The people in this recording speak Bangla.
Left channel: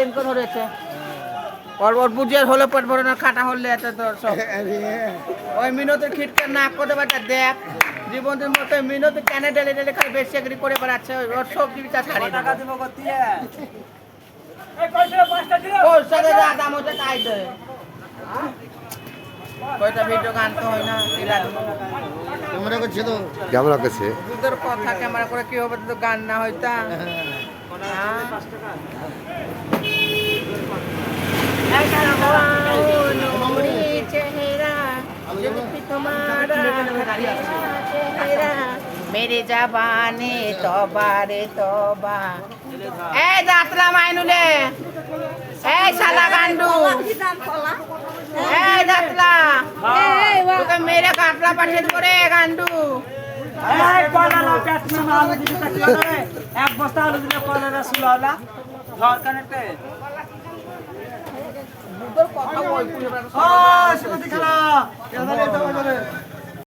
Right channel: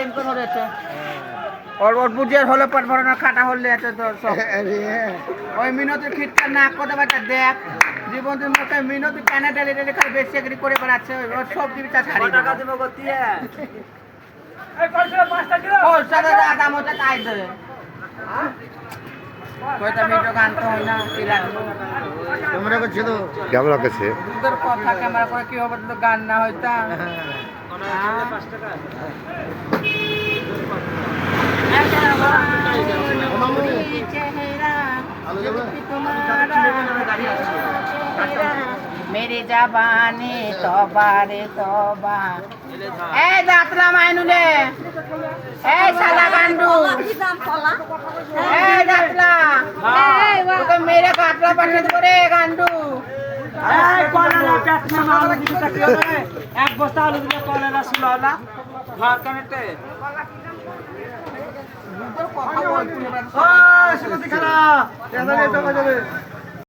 লিঙ্কন হয়েছে ওর ওর বুঝিয়ে হলে পেট ভরে না খাটা হলে এটা তো সব ওই মিনতের খিটকার নাক কত বাটা দেখ জীবনের মতো মিনত ক্যানাডা রেলে খালি বেশি এগ্রি করে বেড়াচ্ছে ওর সব জীবিকা ছাড়ি টাকা দেবো গতিয়ে এই কইছে 5টা কিলো ও সাথে দাম হচ্ছে তাই দে কয়টা ভিডিও গান তো হয় না ক্যামেরা করছে তো ক্যামেরা করছে দুধের কথা ক্যামেরা করে কি হবে তো গান না হইতা 5 টাকা मेरी जबानी तौबा रे तौबा ए जातला माइनुले ए साला गांडू ए जातला तो मेरे काटला पसंद करे गांडू এই কলালা পেট में माल दिते তাকিয়ে এক বস্তা আলু দিলে কলালা সুলালা ঘর কানেতে দুধের কথা বলছিস ও শুনো দিখালা কেন এটা বাজারে